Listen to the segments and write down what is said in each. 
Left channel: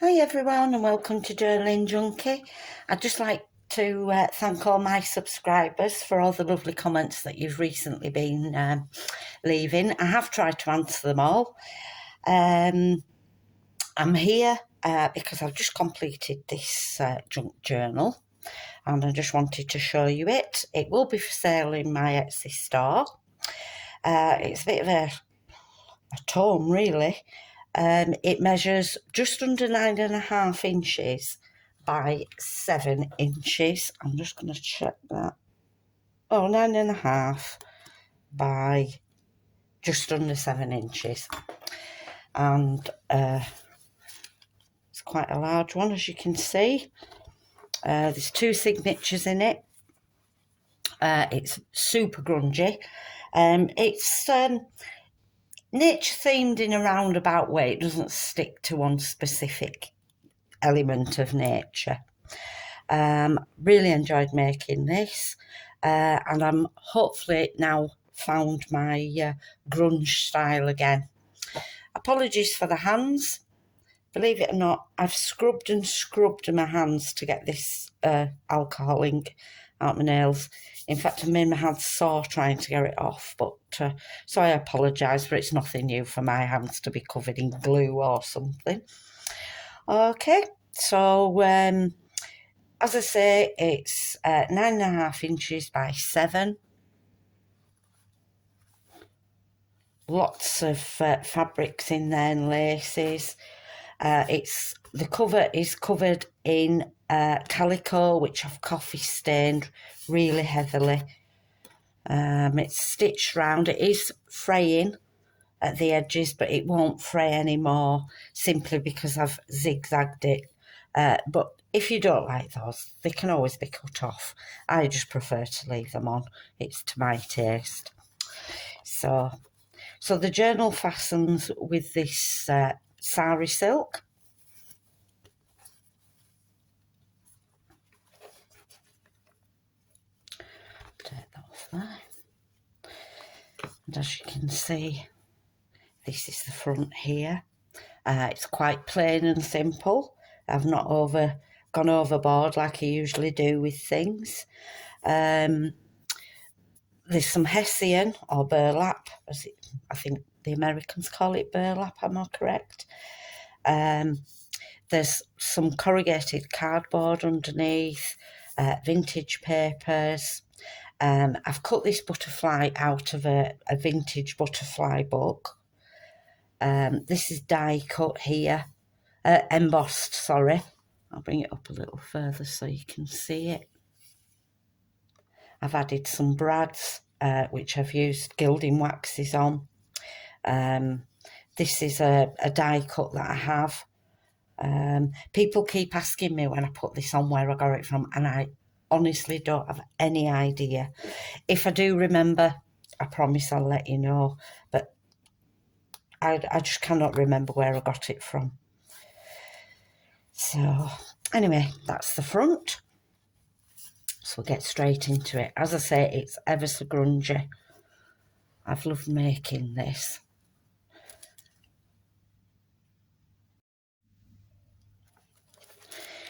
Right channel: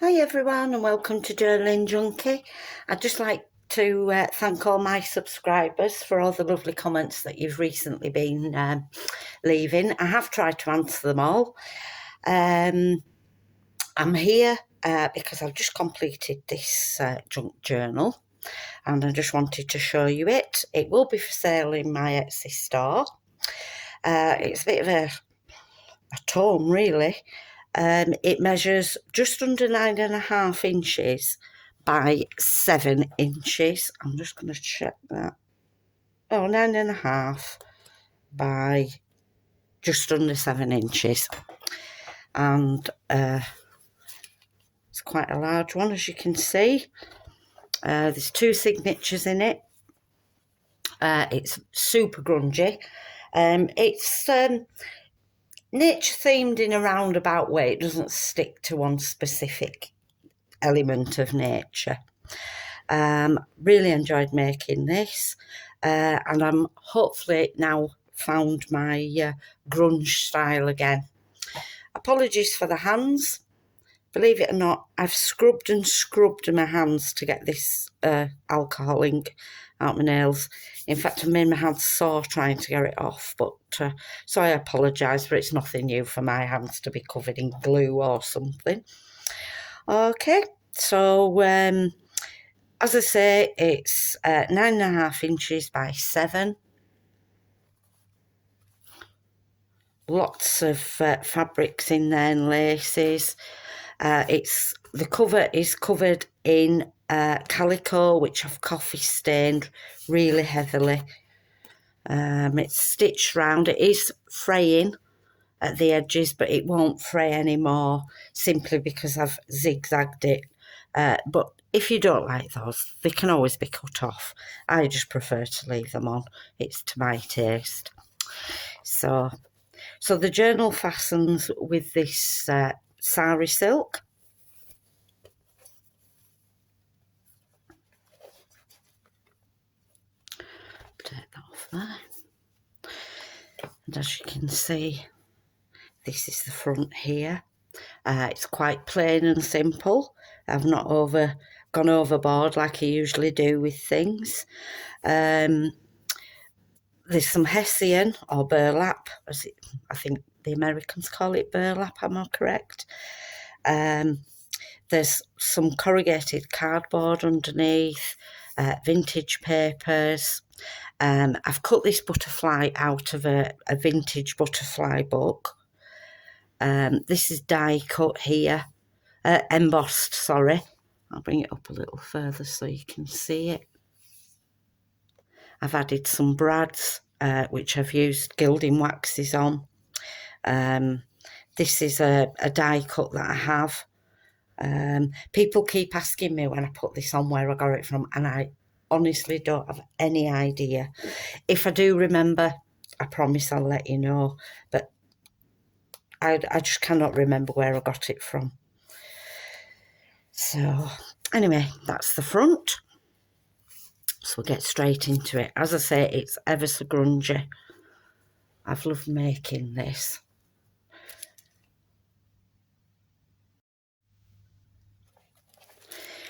Hi everyone and welcome to Journaling Junkie. I'd just like to thank all my subscribers for all the lovely comments that you've recently been leaving. I have tried to answer them all. I'm here because I've just completed this junk journal and I just wanted to show you it. It will be for sale in my Etsy store. It's a bit of a tome really. It measures just under 9.5 inches by 7 inches. I'm just going to check that. Oh, 9.5 by just under 7 inches. And it's quite a large one, as you can see. There's 2 signatures in it. It's super grungy. It's nature themed in a roundabout way. It doesn't stick to one specific element of nature. Really enjoyed making this, and I'm hopefully now found my grunge style again. Apologies for the hands. Believe it or not, I've scrubbed and scrubbed my hands to get this alcohol ink out my nails. In fact, I made my hands sore trying to get it off, but so I apologise, but it's nothing new for my hands to be covered in glue or something. Okay, so as I say, it's 9.5 inches by 7. Lots of fabrics in there and laces. The cover is covered in calico, which I've coffee stained really heavily. It's stitched round. It is fraying at the edges, but it won't fray anymore simply because I've zigzagged it. But if you don't like those, they can always be cut off. I just prefer to leave them on. It's to my taste. So the journal fastens with this sari silk. Take that off there. And as you can see, this is the front here. It's quite plain and simple. I've not gone overboard like I usually do with things. There's some hessian or burlap, I think the Americans call it burlap, am I correct? There's some corrugated cardboard underneath, vintage papers. I've cut this butterfly out of a vintage butterfly book. This is die cut here, embossed, sorry. I'll bring it up a little further so you can see it. I've added some brads, which I've used gilding waxes on. This is a die cut that I have. People keep asking me when I put this on where I got it from, and I honestly don't have any idea. If I do remember, I promise I'll let you know, but I just cannot remember where I got it from. So anyway, that's the front. So we'll get straight into it. As I say, it's ever so grungy. I've loved making this.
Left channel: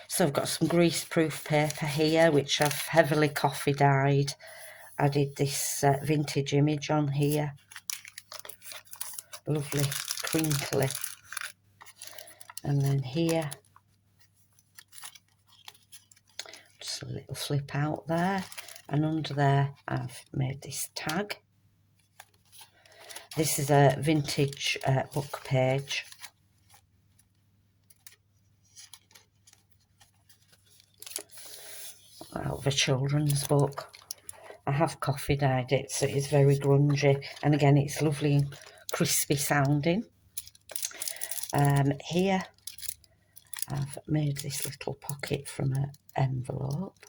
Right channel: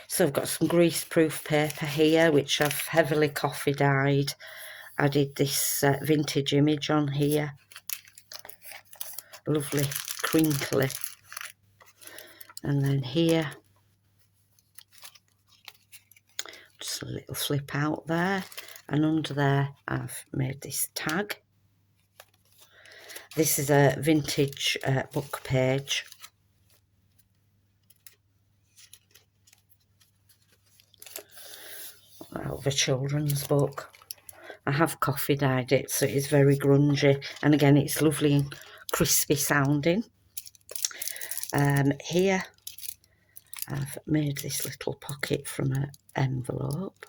So I've got some greaseproof paper here, which I've heavily coffee dyed. I did this vintage image on here. Lovely, crinkly. And then here, just a little flip out there. And under there, I've made this tag. This is a vintage book page. Of a children's book. I have coffee dyed it, so it's very grungy, and again it's lovely and crispy sounding. Here I've made this little pocket from an envelope.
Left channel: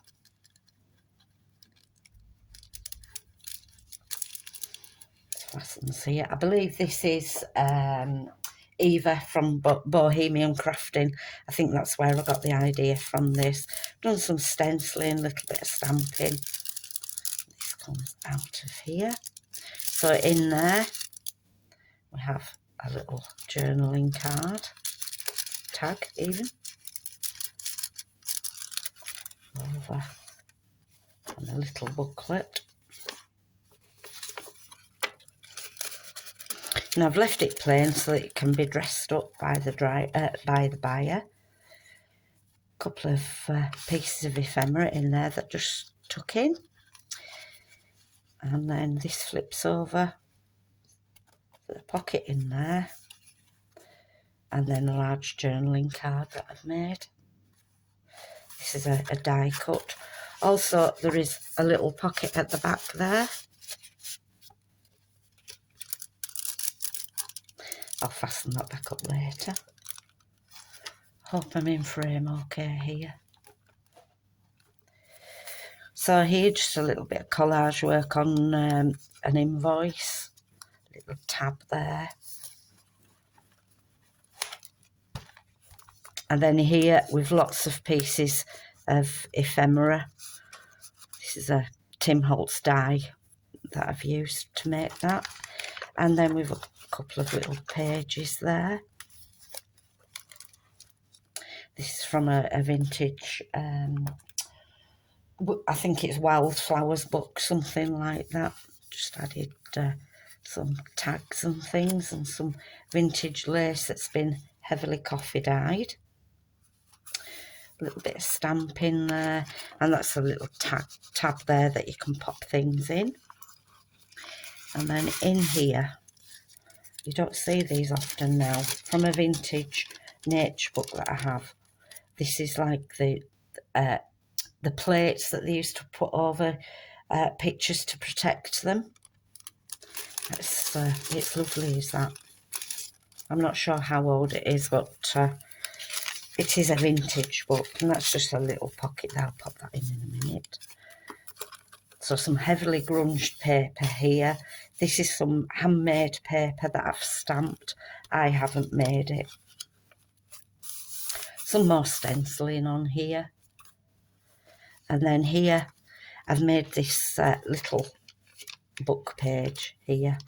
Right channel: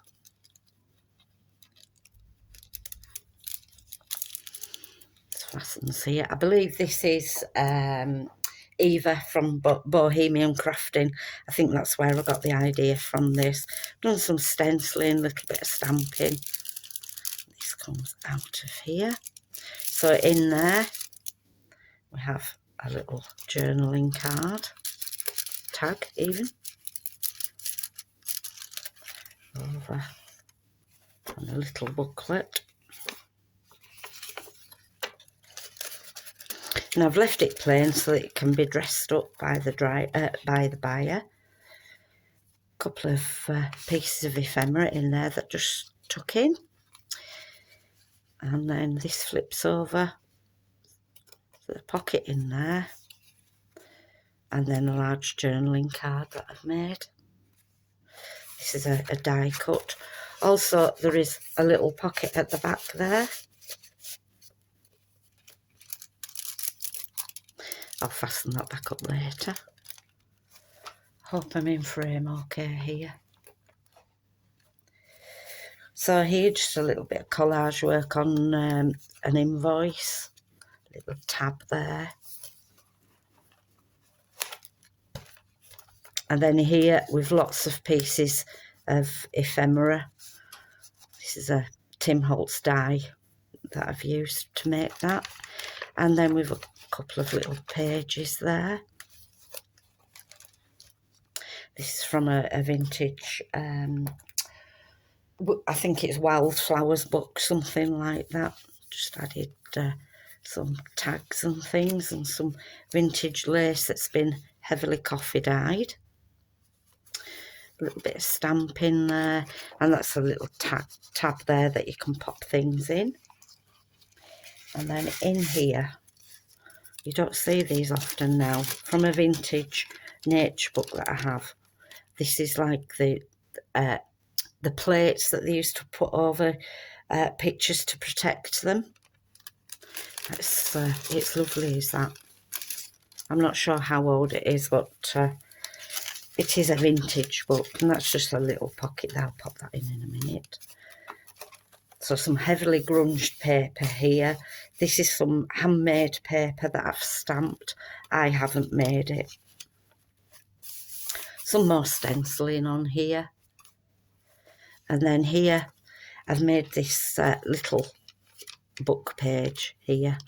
It fastens here. I believe this is Eva from Bohemian Crafting. I think that's where I got the idea from this. I've done some stenciling, a little bit of stamping. This comes out of here. So in there we have a little journaling card. tag even. Over. And a little booklet. And I've left it plain so that it can be dressed up by the buyer. A couple of pieces of ephemera in there that just tuck in. And then this flips over. The pocket in there. And then a large journaling card that I've made. This is a die cut. Also, there is a little pocket at the back there. I'll fasten that back up later. Hope I'm in frame okay here. So here, just a little bit of collage work on an invoice. Little tab there. And then here, with lots of pieces of ephemera. This is a Tim Holtz die that I've used to make that. And then we've a couple of little pages there. This is from a vintage, I think it's Wildflowers book, something like that. Just added some tags and things and some vintage lace that's been heavily coffee dyed. A little bit of stamping there, and that's a little tab there that you can pop things in. And then in here, you don't see these often now, from a vintage nature book that I have. This is like the plates that they used to put over pictures to protect them. It's lovely, is that? I'm not sure how old it is, but it is a vintage book, and that's just a little pocket there. I'll pop that in a minute. So some heavily grunged paper here. This is some handmade paper that I've stamped. I haven't made it. Some more stenciling on here. And then here, I've made this little book page here.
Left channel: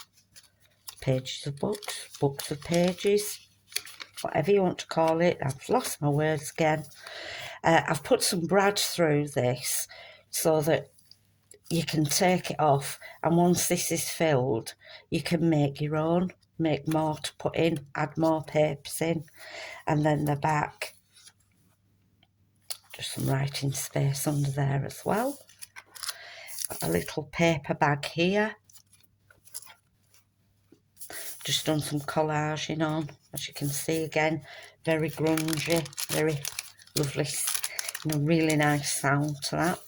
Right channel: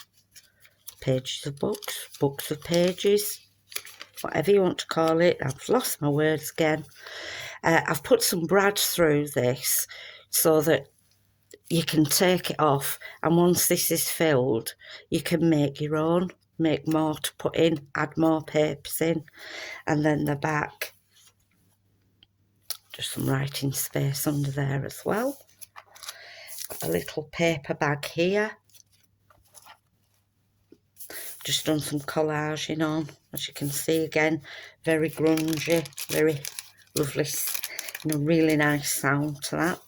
Pages of books, books of pages, whatever you want to call it. I've lost my words again. I've put some brad through this so that you can take it off, and once this is filled, you can make your own, make more to put in, add more papers in. And then the back, just some writing space under there as well. A little paper bag here. Just done some collaging on, as you can see again, very grungy, very lovely, really nice sound to that.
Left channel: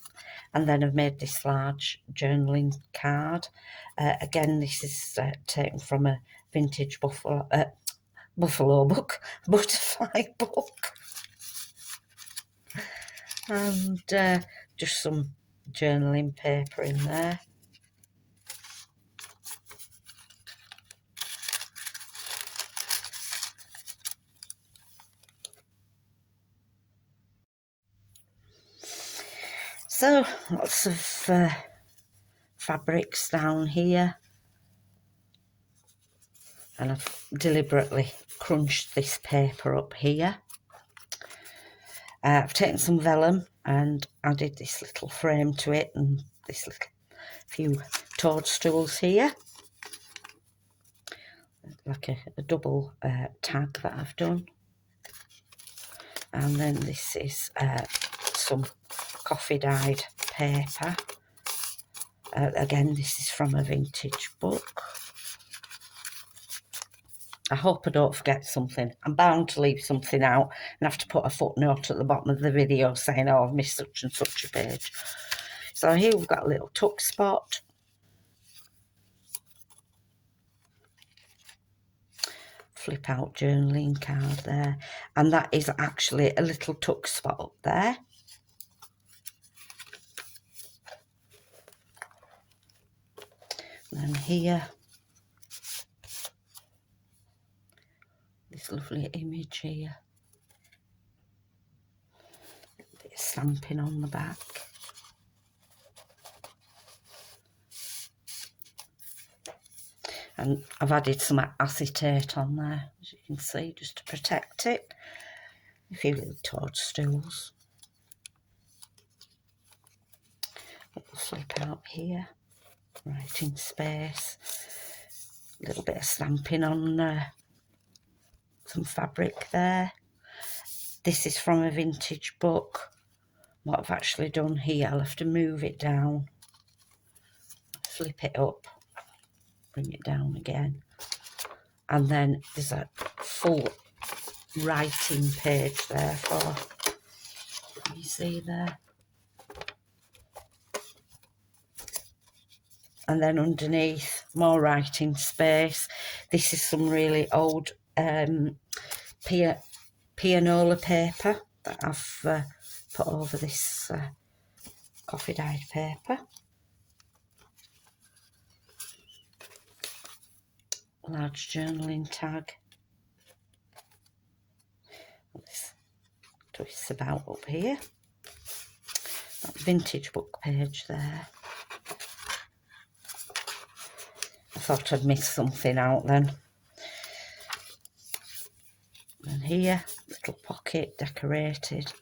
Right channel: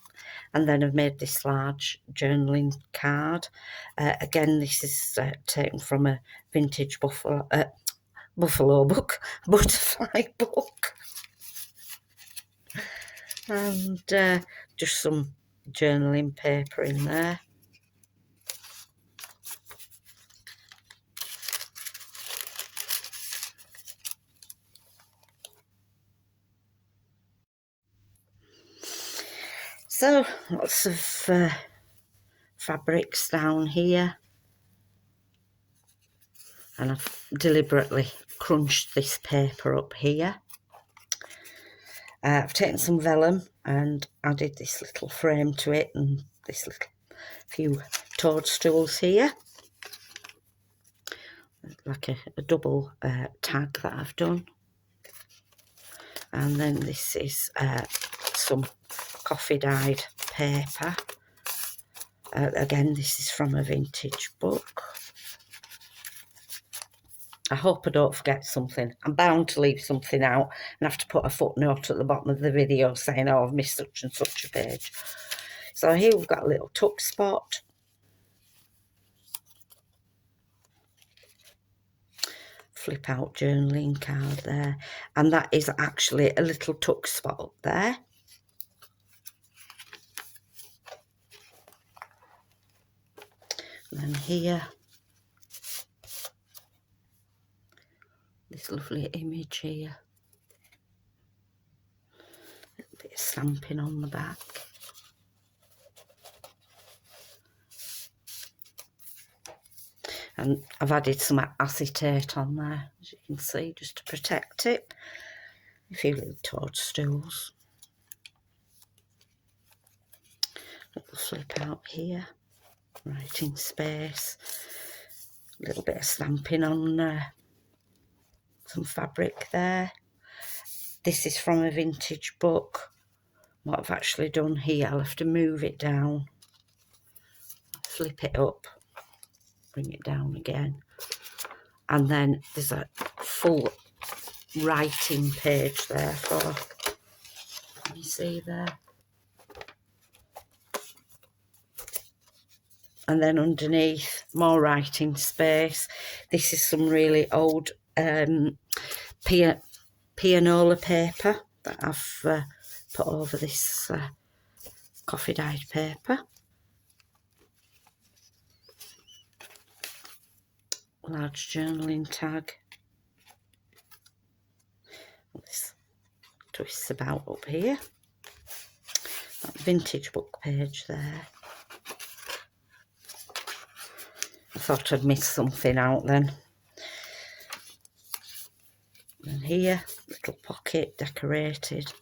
And then I've made this large journaling card. Again, this is taken from a vintage buffalo book, butterfly book. And just some journaling paper in there. So, lots of fabrics down here, and I've deliberately crunched this paper up here. I've taken some vellum and added this little frame to it, and this little few toadstools here, like a double tag that I've done. And then this is some coffee dyed paper. Again, this is from a vintage book. I hope I don't forget something. I'm bound to leave something out and have to put a footnote at the bottom of the video saying, oh, I've missed such and such a page. So here we've got a little tuck spot. Flip out journaling card there. And that is actually a little tuck spot up there. And then here, this lovely image here. A little bit of stamping on the back. And I've added some acetate on there, as you can see, just to protect it. a few little toadstools. Little flip out here, writing space, a little bit of stamping on some fabric there. This is from a vintage book. What I've actually done here, I'll have to move it down, flip it up, bring it down again, and then there's a full writing page there for, you see there, and then underneath more writing space. This is some really old pianola paper that I've put over this coffee dyed paper. Large journaling tag. This twists about up here. That vintage book page there. I thought I'd missed something out then. And here, little pocket decorated.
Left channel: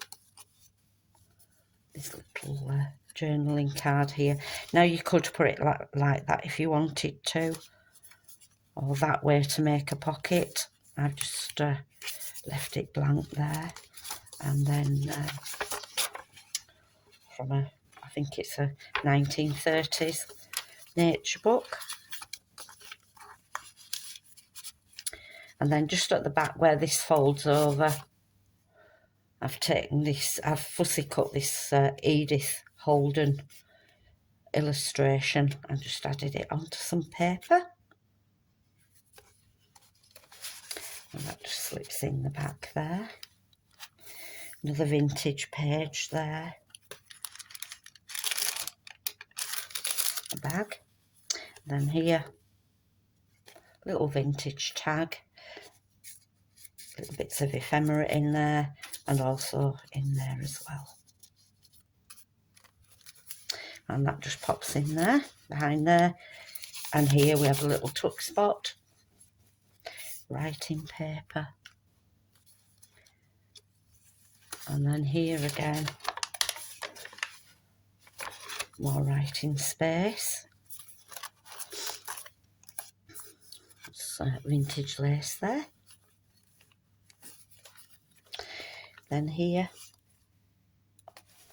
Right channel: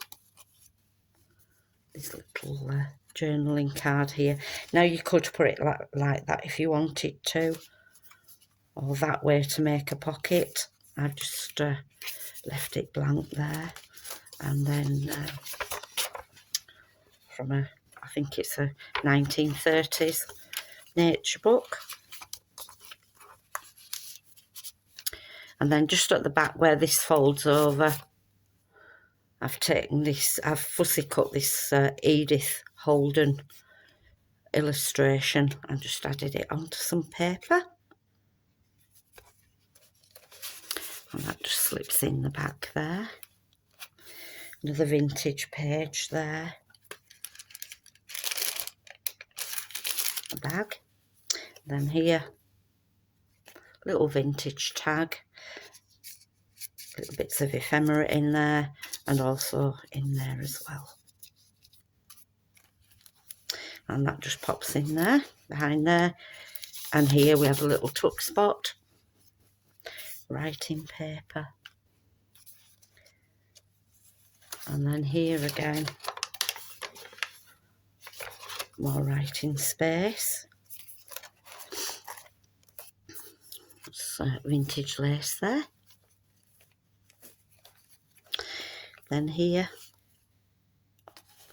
This little journaling card here. Now you could put it like that if you wanted to, or that way to make a pocket. I've just left it blank there. And then from I think it's a 1930s nature book. And then just at the back where this folds over, I've taken this, I've fussy cut this Edith Holden illustration and just added it onto some paper. And that just slips in the back there. Another vintage page there. A bag. And then here, little vintage tag. Little bits of ephemera in there, and also in there as well. And that just pops in there, behind there. And here we have a little tuck spot. Writing paper. And then here again, more writing space. Some vintage lace there. Then here,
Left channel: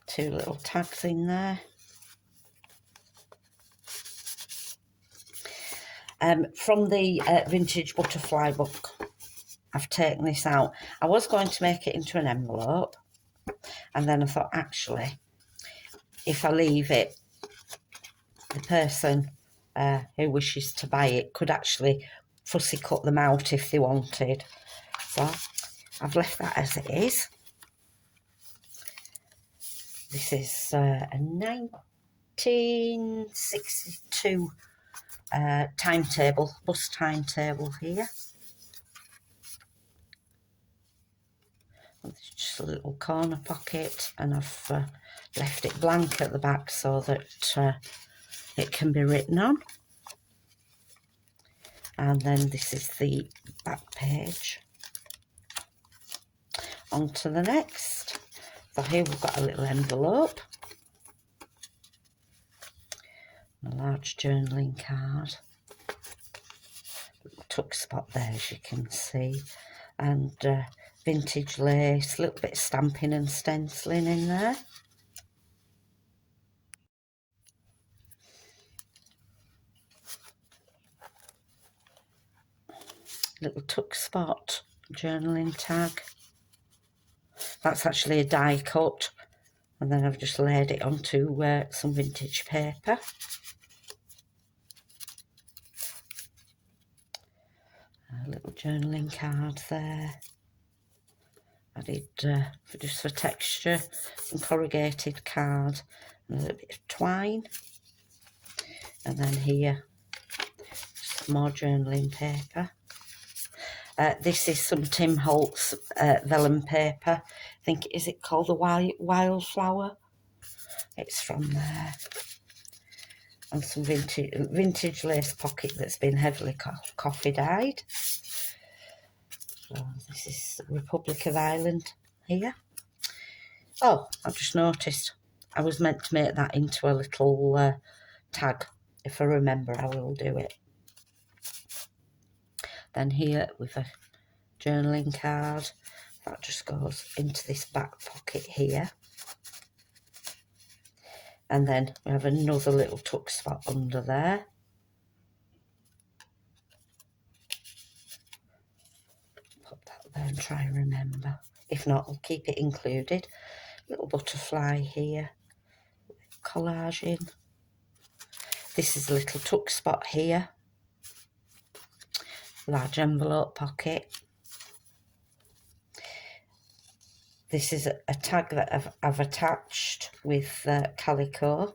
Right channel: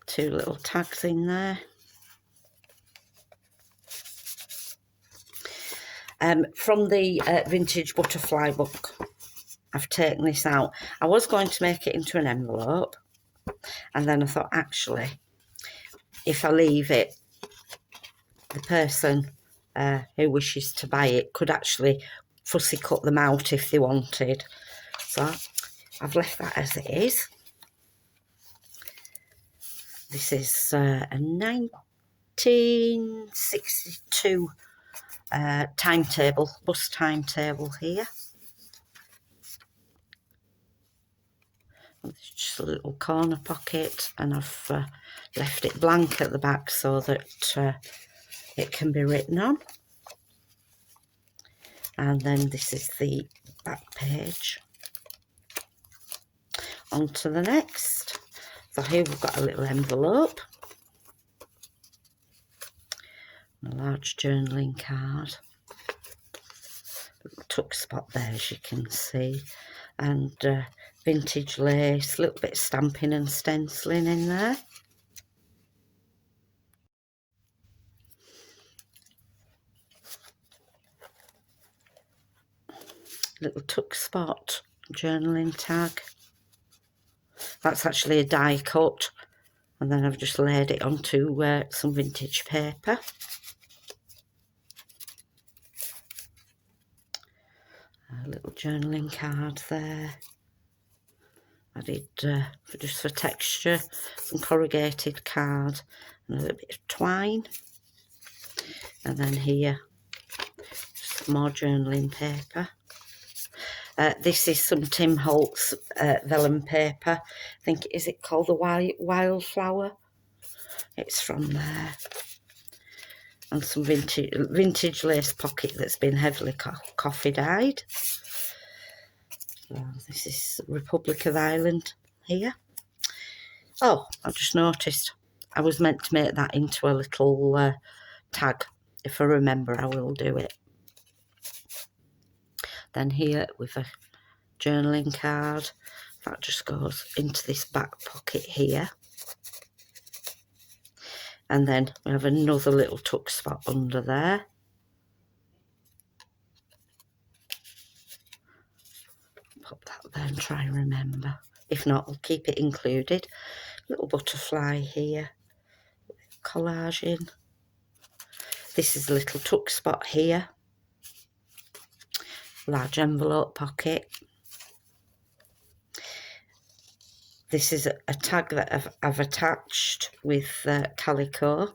two little tags in there. From the vintage butterfly book, I've taken this out. I was going to make it into an envelope, and then I thought, actually, if I leave it, the person who wishes to buy it could actually fussy cut them out if they wanted. So I've left that as it is. This is a 1962 timetable, bus timetable here. It's just a little corner pocket, and I've left it blank at the back so that it can be written on. And then this is the back page. On to the next. So here we've got a little envelope. A large journaling card. Little tuck spot there, as you can see. And vintage lace, a little bit of stamping and stenciling in there. Little tuck spot, journaling tag. That's actually a die cut, and then I've just laid it onto some vintage paper. A little journaling card there. I did, just for texture, some corrugated card and a little bit of twine. And then here, just more journaling paper. This is some Tim Holtz vellum paper. I think, is it called the Wildflower? It's from there. And some vintage lace pocket that's been heavily coffee dyed. So this is Republic of Ireland here. Oh, I've just noticed I was meant to make that into a little tag. If I remember, I will do it. Then here with a journaling card, that just goes into this back pocket here. And then we have another little tuck spot under there. Pop that there and try and remember. If not, I'll keep it included. Little butterfly here. Collage in. This is a little tuck spot here. Large envelope pocket. This is a tag that I've attached with calico,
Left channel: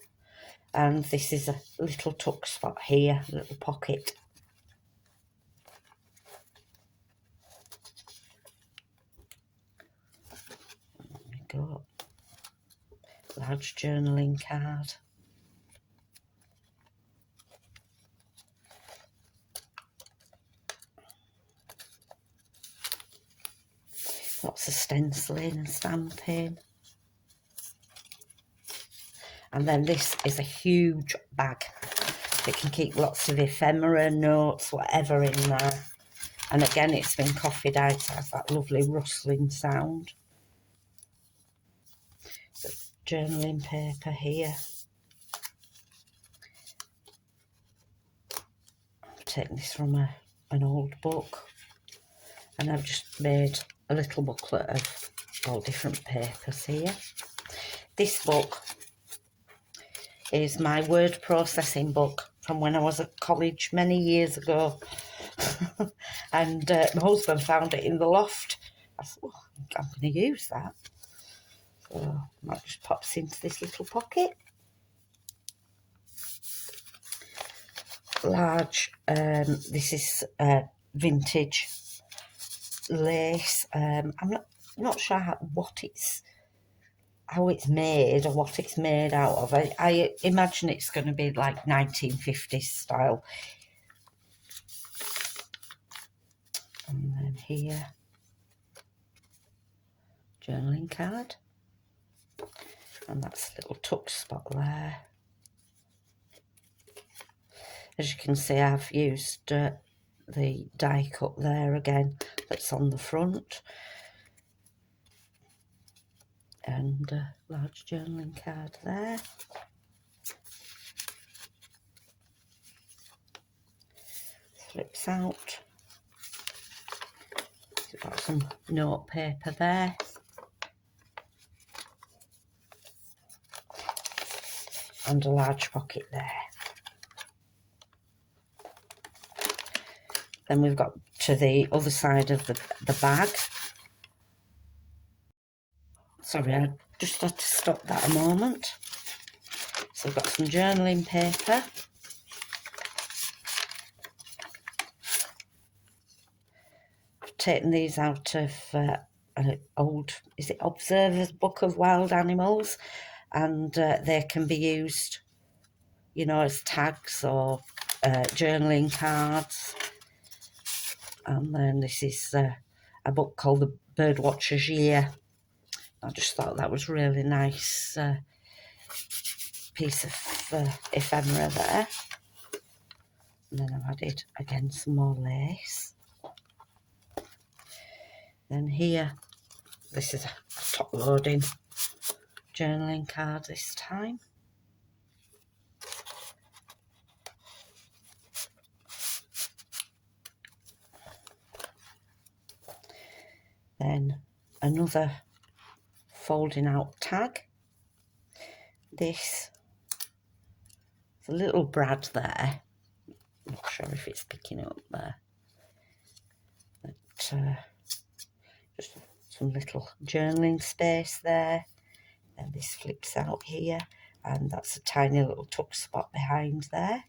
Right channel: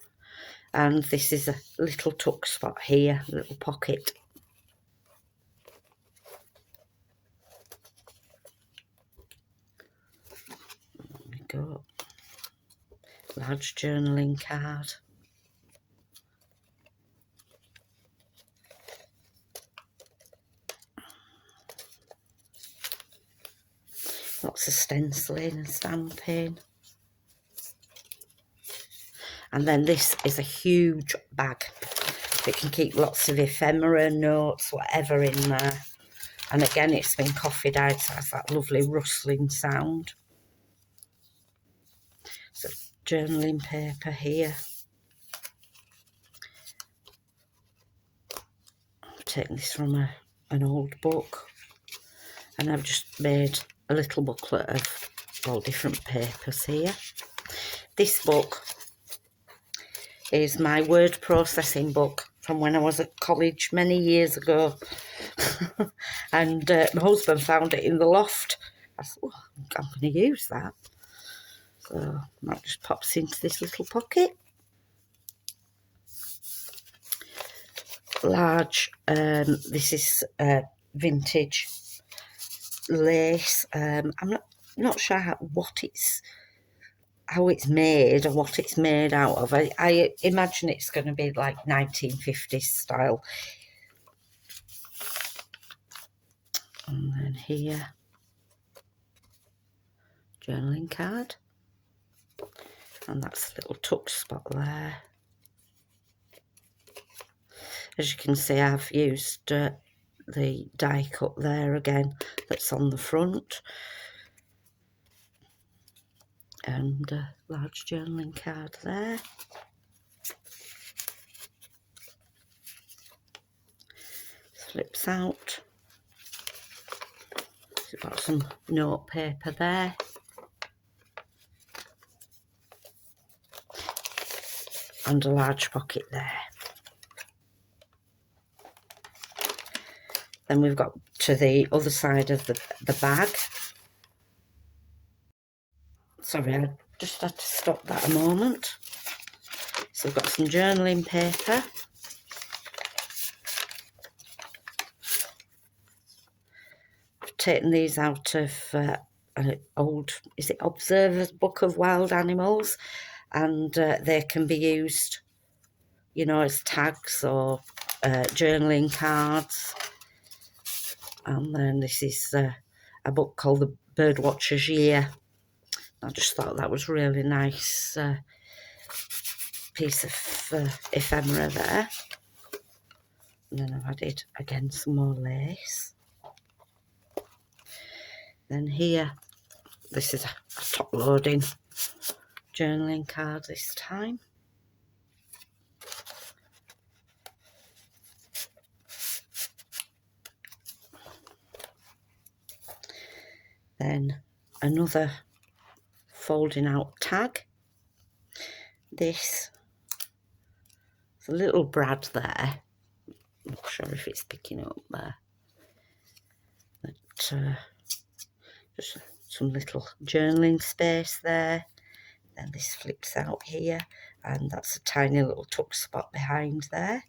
and this is a little tuck spot here, a little pocket. There we go. Large journaling card. Lots of stenciling and stamping. And then this is a huge bag. It can keep lots of ephemera, notes, whatever in there. And again, it's been coffee dyed, so it has that lovely rustling sound. So journaling paper here. I'm taking this from an old book. And I've just made a little booklet of all different papers here. This book is my word processing book from when I was at college many years ago. And my husband found it in the loft. I thought, oh, I'm going to use that. So that just pops into this little pocket. Large, this is vintage lace. I'm not sure how it's made or what it's made out of. I imagine it's going to be like 1950s style. And then here, journaling card. And that's a little tuck spot there. As you can see, I've used the die cut there again that's on the front. And a large journaling card there. Flips out. So we've got some note paper there. And a large pocket there. Then we've got to the other side of the bag. Sorry, I just had to stop that a moment. So I've got some journaling paper. I've taken these out of an old, is it Observer's Book of Wild Animals? And they can be used, you know, as tags or journaling cards. And then this is a book called The Birdwatcher's Year. I just thought that was really nice piece of ephemera there. And then I've added again some more lace. Then here, this is a top loading journaling card this time. Then another folding out tag. This is a little brad there. Not sure if it's picking up there. But just some little journaling space there. Then this flips out here, and that's a tiny little tuck spot behind there.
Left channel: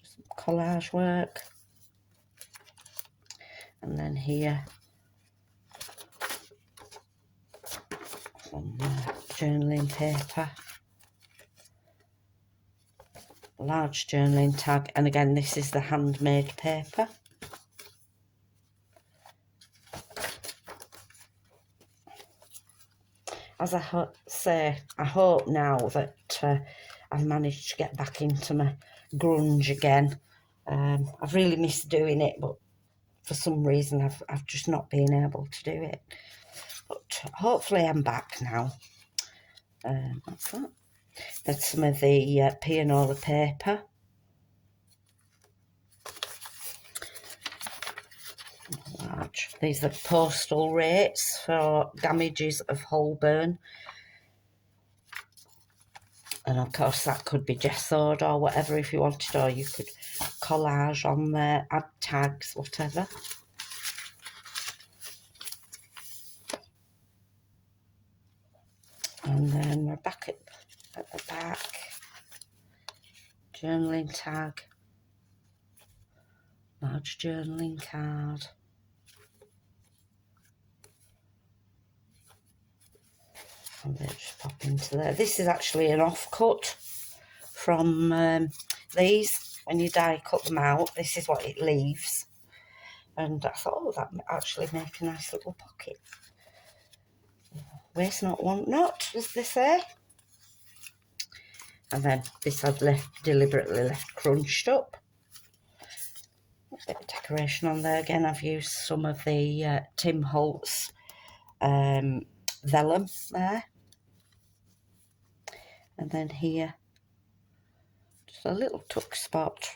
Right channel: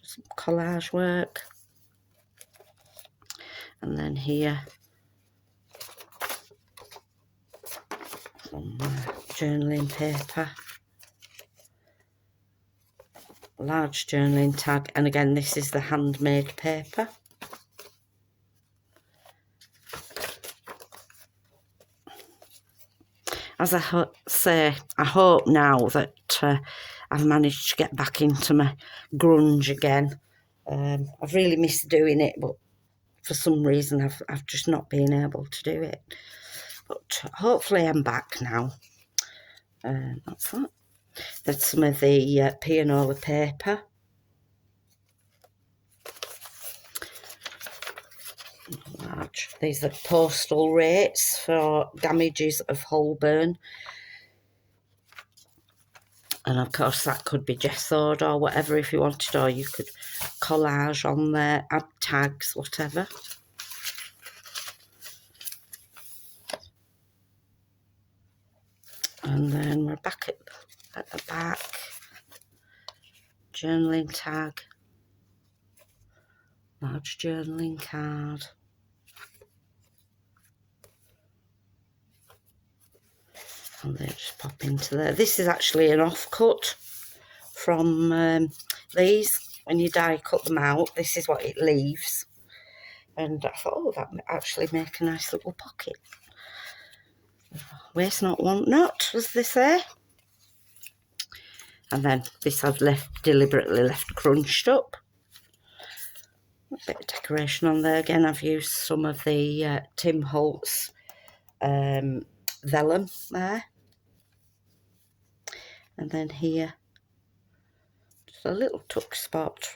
Just some collage work. And then here, some journaling paper. Large journaling tag, and again this is the handmade paper. as I say, I hope now that I've managed to get back into my grunge again. I've really missed doing it, but for some reason I've just not been able to do it. But hopefully I'm back now. What's that? That's some of the pianola paper. Large. These are postal rates for damages of Holborn. And of course that could be gessoed or whatever if you wanted, or you could collage on there, add tags, whatever. And then we're back at the back. Journaling tag. Large journaling card. And they just pop into there. This is actually an offcut from these. When you die cut them out, this is what it leaves. And I thought, oh, that would actually make a nice little pocket. Waste not, want not, as they say. And then this I've deliberately left crunched up. A bit of decoration on there. Again, I've used some of the Tim Holtz vellum there. And then here, just a little tuck spot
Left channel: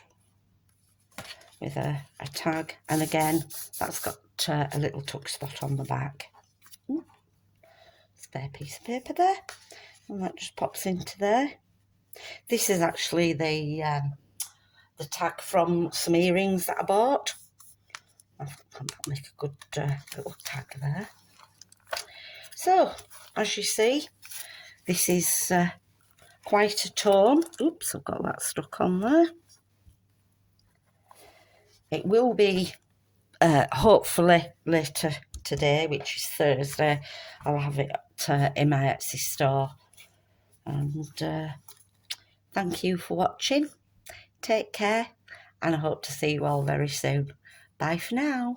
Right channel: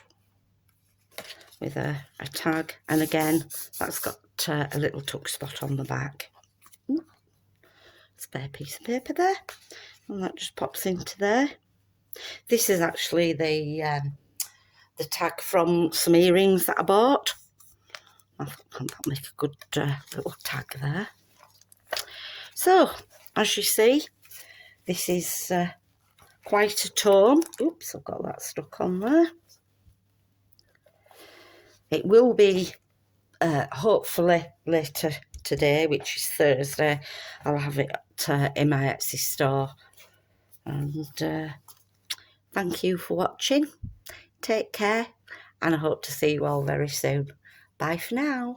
with a tag. And again, that's got a little tuck spot on the back. Ooh, spare piece of paper there. And that just pops into there. This is actually the tag from some earrings that I bought. I think that'll make a good little tag there. So, as you see, this is quite a tome. Oops, I've got that stuck on there. It will be hopefully later today, which is Thursday. I'll have it in my Etsy store. And thank you for watching. Take care, and I hope to see you all very soon. Bye for now.